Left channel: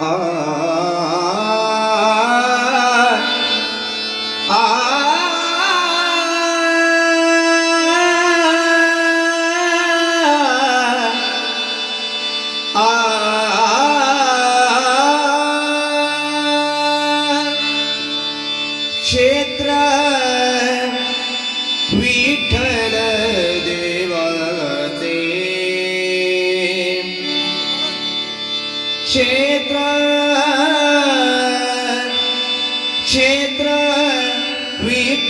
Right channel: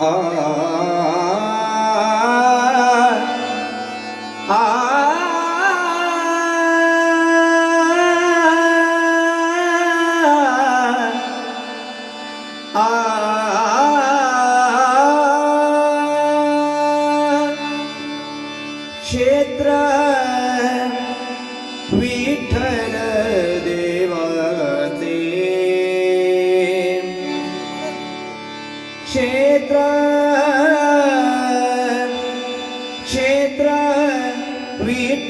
啊。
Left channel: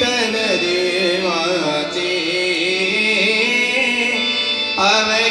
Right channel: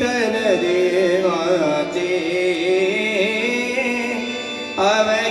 தனதேவாச்சே அவை